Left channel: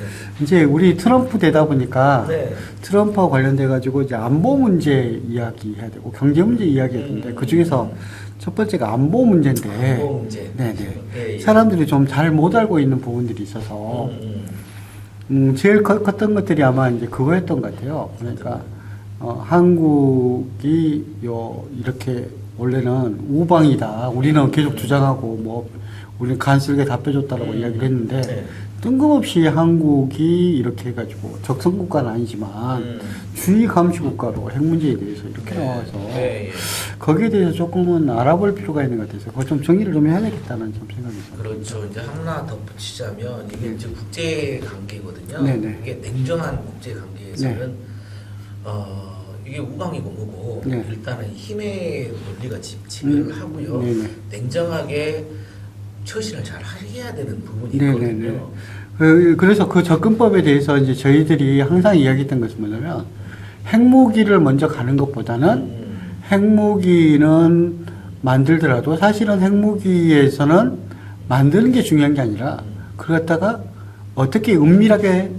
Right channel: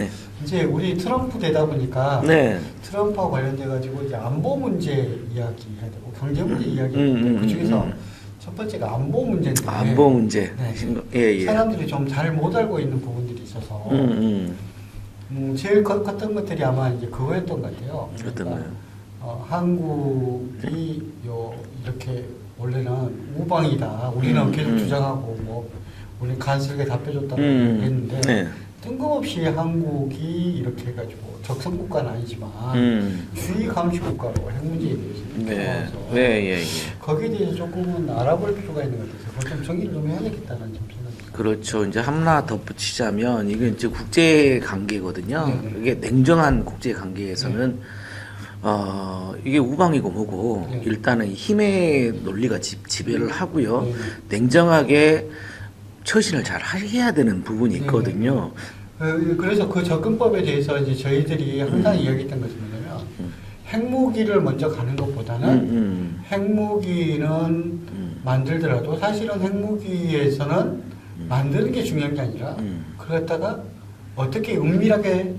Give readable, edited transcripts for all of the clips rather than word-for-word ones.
네. 이제 우리 트럼프 되다 보니까 네. 트럼프와 관련돼 가지고 이제 안보 문제 이야기해야 되고 경제 문제 이야기했는데 그 중에서 첫 번째가 안보 문제인데 안보 문제. 네, 예, 예. 사람들이 좀 잘 못 알고 있는 부분들이 있어서 제일 컸던 것들이 아마 이제 그거였던 것 같아요. 그러니까 한국이 이렇게 원래는 우방이다. 우리는 계속 주장하고 뭐 우리는 간쓸게 답해줬다고 얘기했는데 네. 뜬금없이 한국이 이렇게 해가지고 적성국가는 아니지만 주의 감시 국가로 핵 문제에 대해서 이렇게 나와서 네, 예. 거기에 대해서 조금은 알아볼 필요가 있는 것 같아서 그걸 좀 정리를 좀 해야 되겠다는 좀 생각이 듭니다. 그렇죠. 이제 하나 덧붙이자면 이게 이제 국제 관계거든요. 네네. 이게 냉정한 국제 관계에서는 이게 우방이고 뭐고 네. 일단은 힘의 논리가 지배를 하고요. 네네. 냉정하게 처신을 잘 해야 되는 부분이 있거든요. 그래서 그 접근법에 대해서 이제 저희들이 항상 이야기했던 것은 뭐냐면 핵무기를 먼저 가는 것보다는 핵무기는 만들더라도 사실은 핵무기에서는 만드는 게 중요한 게 아니라 그걸 갖다가 어떻게 은밀하게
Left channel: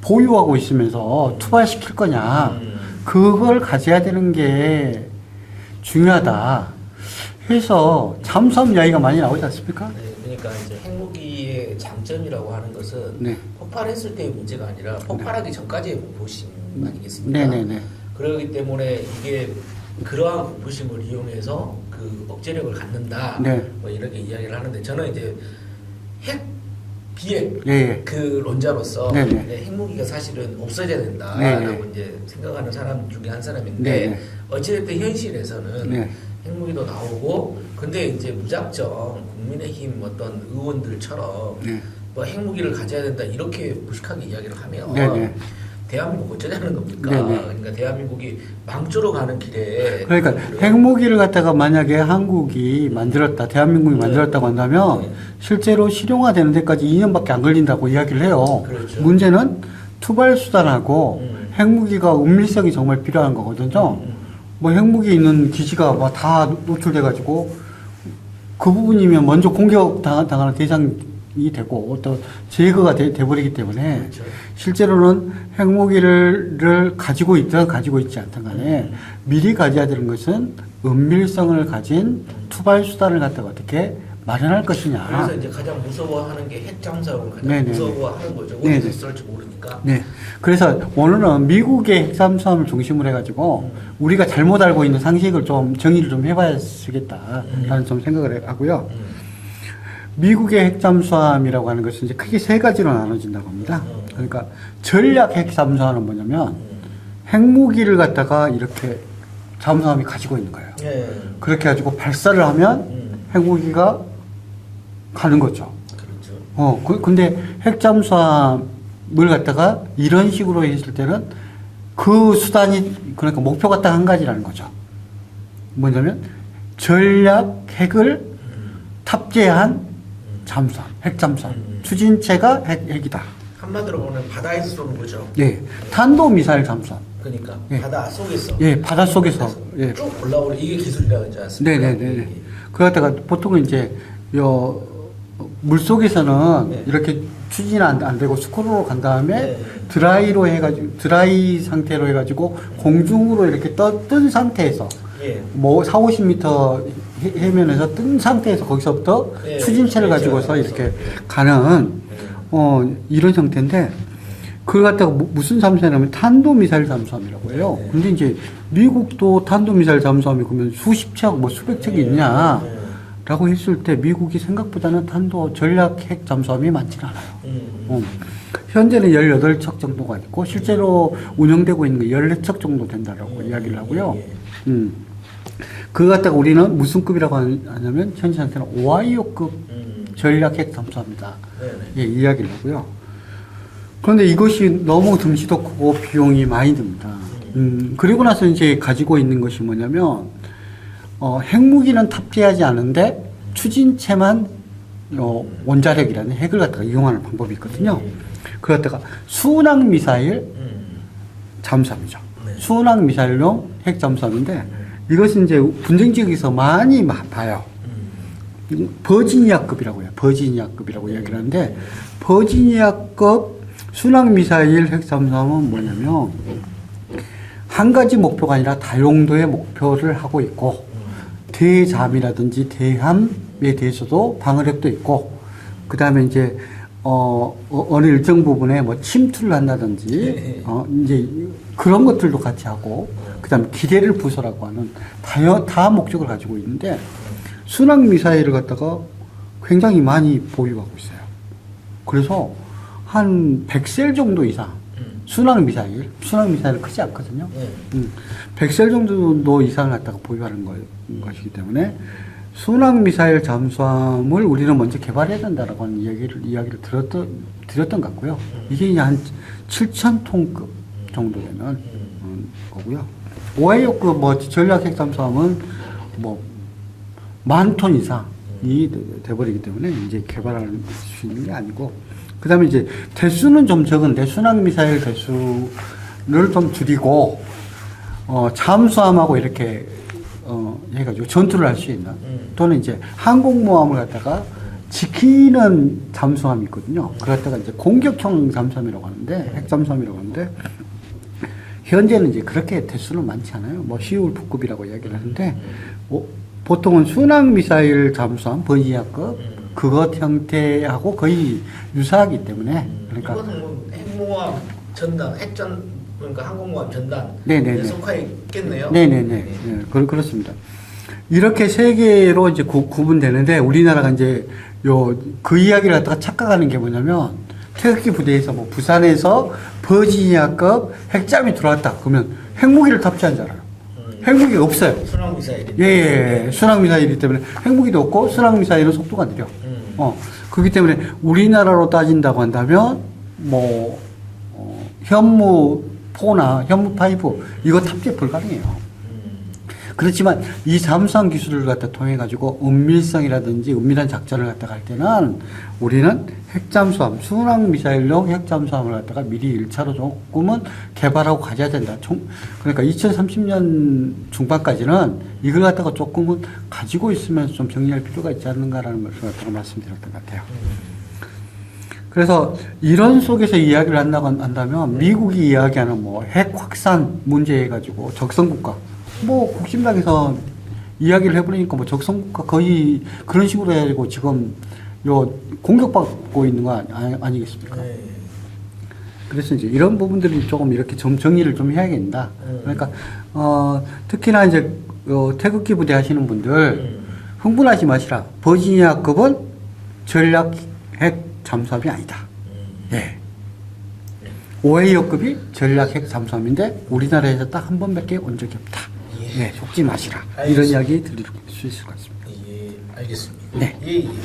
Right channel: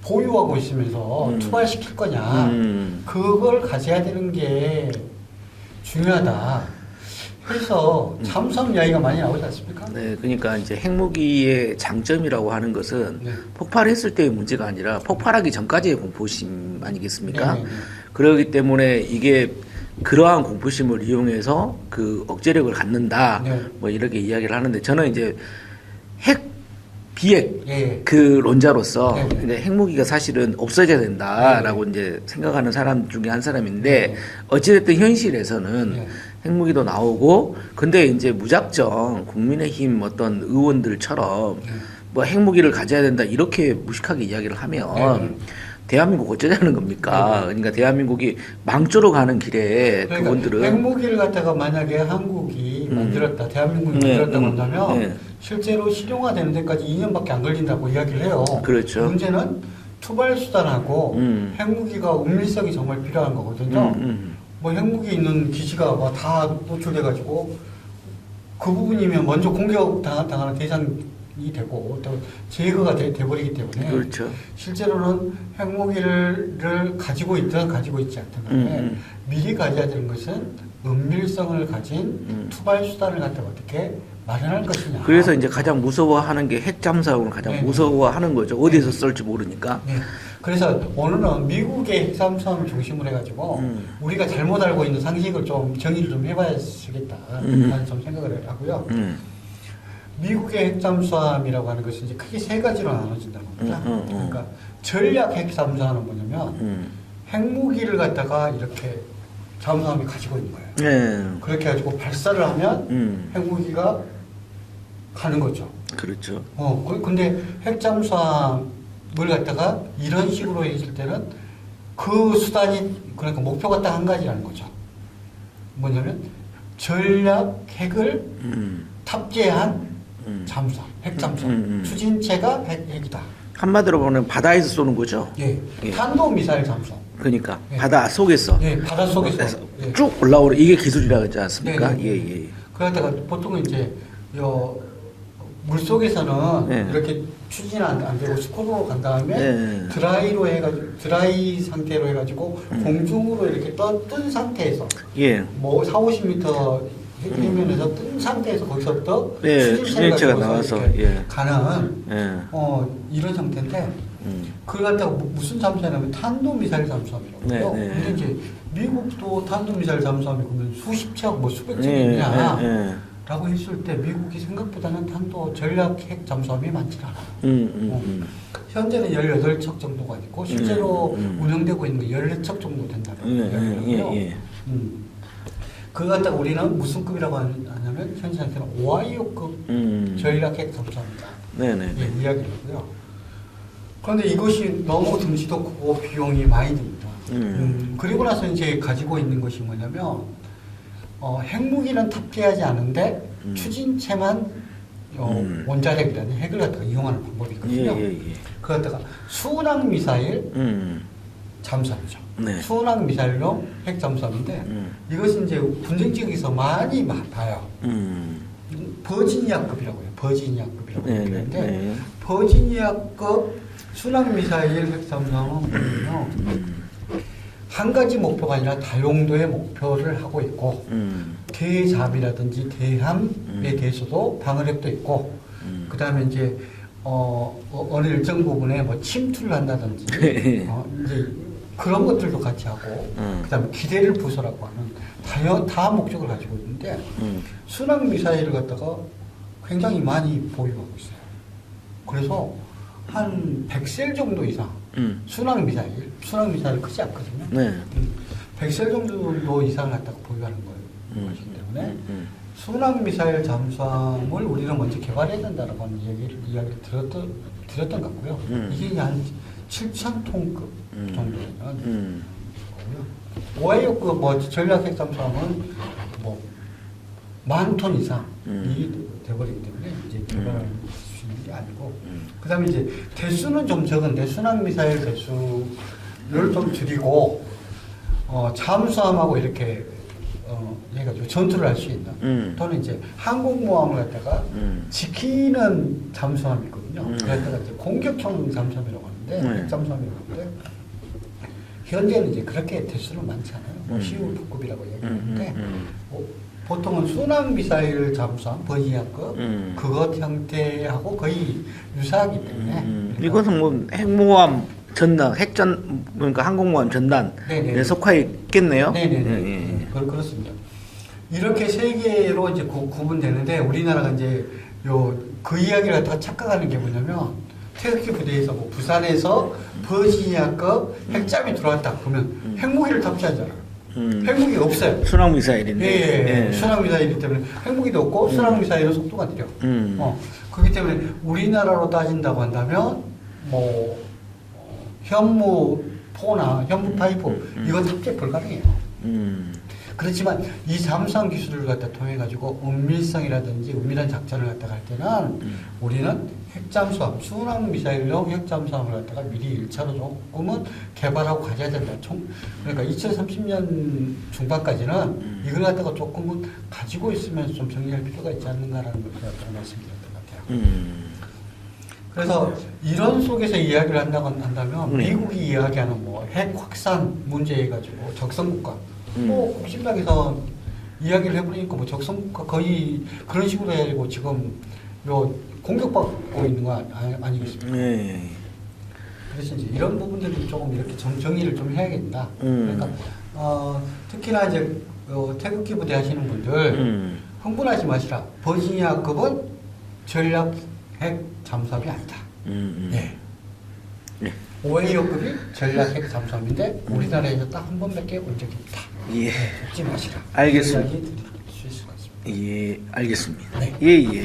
보유하고 있으면서 투발시킬 거냐 그걸 가져야 되는 게 중요하다. 그래서 잠수함 이야기가 많이 나오지 않습니까? 네, 그러니까 이제 핵무기의 장점이라고 하는 것은 네. 폭발했을 때의 문제가 아니라 폭발하기 전까지의 공포심 아니겠습니까? 네네네. 그렇기 때문에 이게 그러한 공포심을 이용해서 그 억제력을 갖는다. 네. 뭐 이렇게 이야기를 하는데 저는 이제 핵 비핵 예. 그 론자로서 네네. 이제 핵무기가 사실은 없어져야 된다라고 이제 생각하는 사람 중에 한 사람인데 네네. 어찌됐든 현실에서는 네. 핵무기도 나오고 근데 이제 무작정 국민의힘 어떤 의원들처럼 네. 뭐 핵무기를 가져야 된다 이렇게 무식하게 이야기를 하면 네네. 대한민국 어쩌자는 겁니까? 네네. 그러니까 대한민국이 망조로 가는 길에 그러니까 의원들은 핵무기를 갖다가 만약에 한국이 만들었다, 대한민국이 만들었다고 한다면 네. 실제로 실용화되는 데까지 2년밖에 안 걸린다고 이야기를 해요. 그렇죠. 문제는 투발 수단하고 핵무기가 은밀성이 정말 필요한 음, 거거든요. 뭐 핵무기 있는 기지가 뭐 다 노출돼가지고 그 부분이면 먼저 공격 당하는 대상이 되고 또 제거가 돼버리기 때문에 그렇죠. 실제로는 핵무기를 가지고 있든 가지고 있지 않든 간에 미리 가져야 되는 것은 은밀성을 가진 투발 수단을 갖다가 어떻게 마련할 것이냐. 그래서 이제 가장 무서워하는 게 핵잠수함을 가장 네네. 무서워하는 거죠. 어디서 쏠지 모르니까. 네. 그래서 오늘은 미국의 핵잠수함을 중심으로 해가지고 우리가 잘못 알고 있는 상식을 좀 정의를 좀 해봐야겠다. 라는 좀 생각을 하고요. 미국의 핵잠수함이라고 하는 것은 이제 크게 세 가지로 나눠진다고 합니다. 그러니까 전략 핵잠수함은 뭐냐면 핵무기를 갖다가 이렇게 잠수함이 가지고 있는 거예요. 네. 그렇게 가지고 발사를 하면 핵무기가 가는 거죠. 그렇죠. 근데 핵잠수함을 갖다가 이런 식으로 했을 때는 그 수단이, 그러니까 목표가 딱 한 가지라는 거죠. 뭐냐면 전략 핵을 탑재한 잠수함, 핵잠수함. 추진체가 핵이다. 한마디로 보면 바다에서 쏘는 거죠. 네. 탄도미사일 잠수함. 그러니까 예. 바다 속에서 예, 바닷속에서. 예. 쭉 올라오는 이게 기술이라고 하지 않습니까? 네네네. 예, 예. 그러다가 보통은 이제 물 속에서는 네. 이렇게 추진이 안 되고 스크롤로 간 다음에 네. 드라이 상태로 해가지고 공중으로 이렇게 뜬 상태에서 예. 뭐 40~50m 해면에서 뜬 상태에서 거기서부터 네, 추진체를 추진체가 가지고서 나와서, 이렇게 예. 가는 예. 이런 형태인데 그걸 갖다가 무슨 잠수함이냐면 탄도미사일 잠수함이라고 해요. 네, 네. 근데 이제 미국도 탄도미사일 잠수함이 그러면 수십 척, 뭐 수백 척이 예, 있냐 예, 예. 라고 했을 때 미국이 생각보다는 탄도 전략 핵 잠수함이 많지는 않아요. 현재는 18척 정도가 있고 실제로 운영되고 있는 게 14척 정도 된다라고 이야기를 하고요. 예. 그거 갖다가 우리는 무슨 급이라고 하냐면 현재 상태는 오하이오급 전략 핵 잠수함이다. 네네. 예, 이야기를 하고요. 그런데 이것이 너무 덩치도 크고 비용이 많이 듭니다. 그리고 나서 이제 가지고 있는 것이 뭐냐면 핵무기는 탑재하지 않은데 추진체만 원자핵이라는 핵을 갖다가 이용하는 방법이 있거든요. 예, 예, 예. 그걸 갖다가 순항 미사일 잠수함이죠. 네. 순항 미사일용 핵 잠수함인데 이것은 이제 분쟁 지역에서 많이 봐요. 버지니아급이라고 해요. 버지니아급이라고 네, 얘기를 하는데 네. 버지니아급 순항 미사일 핵 잠수함은 뭐냐면 한 가지 목표가 아니라 다용도의 목표를 하고 있고 대잠이라든지 대함에 대해서도 방어력도 있고 그다음에 이제 어느 일정 부분에 뭐 침투를 한다든지 이제 그런 것들도 같이 하고 그다음에 기대를 부숴라고 하는 다양한 목적을 가지고 있는데 순항 미사일을 갖다가 굉장히 많이 보유하고 있어요. 그래서 한 100셀 정도 이상 순항 미사일 크지 않거든요. 네. 100셀 정도 이상을 갖다가 보유하는 것이기 때문에 순항 미사일 잠수함을 우리는 먼저 개발해야 된다라고 하는 이야기를 드렸던 것 같고요. 이게 이제 한 7,000톤급 정도 되는 거고요. 오하이오급 뭐 전략 핵 잠수함은 뭐 10,000톤 이상이 돼버리기 때문에 이제 개발할 수 있는 게 아니고 그 다음에 이제 대수는 좀 적은데 순항 미사일 대수를 좀 줄이고 잠수함하고 이렇게 해가지고 전투를 할 수 있는 또는 이제 항공모함을 갖다가 지키는 잠수함이 있거든요. 그랬다가 이제 공격형 잠수함이라고 하는데 핵 잠수함이라고 하는데 현재는 이제 그렇게 대수는 많지 않아요. 뭐 시울프급이라고 이야기를 하는데 보통은 순항 미사일 잠수함 버지니아급 그것 형태하고 거의 유사하기 때문에 그러니까 이것은 뭐 핵모함 전단 그러니까 항공모함 전단에 속해 있겠네요. 네네네. 그렇습니다. 이렇게 세 개로 이제 구분되는데 우리나라가 이제 그 이야기를 갖다가 착각하는 게 뭐냐면 태극기 부대에서 뭐 부산에서 버지니아급 핵잠이 들어왔다 그러면 핵무기를 탑재하잖아요. 핵무기가 없어요. 순항 미사일인데. 예. 순항 미사일이기 때문에 핵무기도 없고 순항 미사일은 속도가 느려. 그렇기 때문에 우리나라로 따진다고 한다면 뭐 현무 4나 현무 5 이거 탑재 불가능해요. 그렇지만 이 잠수함 기술을 갖다 통해 가지고 은밀성이라든지 은밀한 작전을 갖다 갈 때는 우리는 핵잠수함, 순항 미사일용 핵잠수함을 갖다가 미리 1차로 조금은 개발하고 가져야 된다. 그러니까 2030년 중반까지는 이걸 갖다가 조금은 가지고 있으면서 좀 정리할 필요가 있지 않는가라는 것을 갖다가 말씀드렸던 것 같아요. 그래서 이런 속에서 이야기를 한다면 미국이 이야기하는 뭐 핵 확산 문제 해가지고 적성국가 뭐 국힘당에서 이야기를 해버리니까 뭐 적성국가 거의 그런 식으로 해가지고 지금 공격받고 있는 거 아니겠습니까? 네. 그래서 이제 이런 부분들이 조금 이렇게 좀 정리를 좀 해야겠다. 그러니까 특히나 이제 태극기 부대 하시는 분들 흥분하지 마시라. 버지니아급은 전략 핵 잠수함이 아니다. 네. 오하이오급이 전략 핵 잠수함인데 우리나라에서 딱 한 번밖에 온 적이 없다. 예. 네, 속지 마시라. 알겠습니다. 이런 이야기 드릴 수 있을 것 같습니다. 예, 알겠습니다. 네. 예.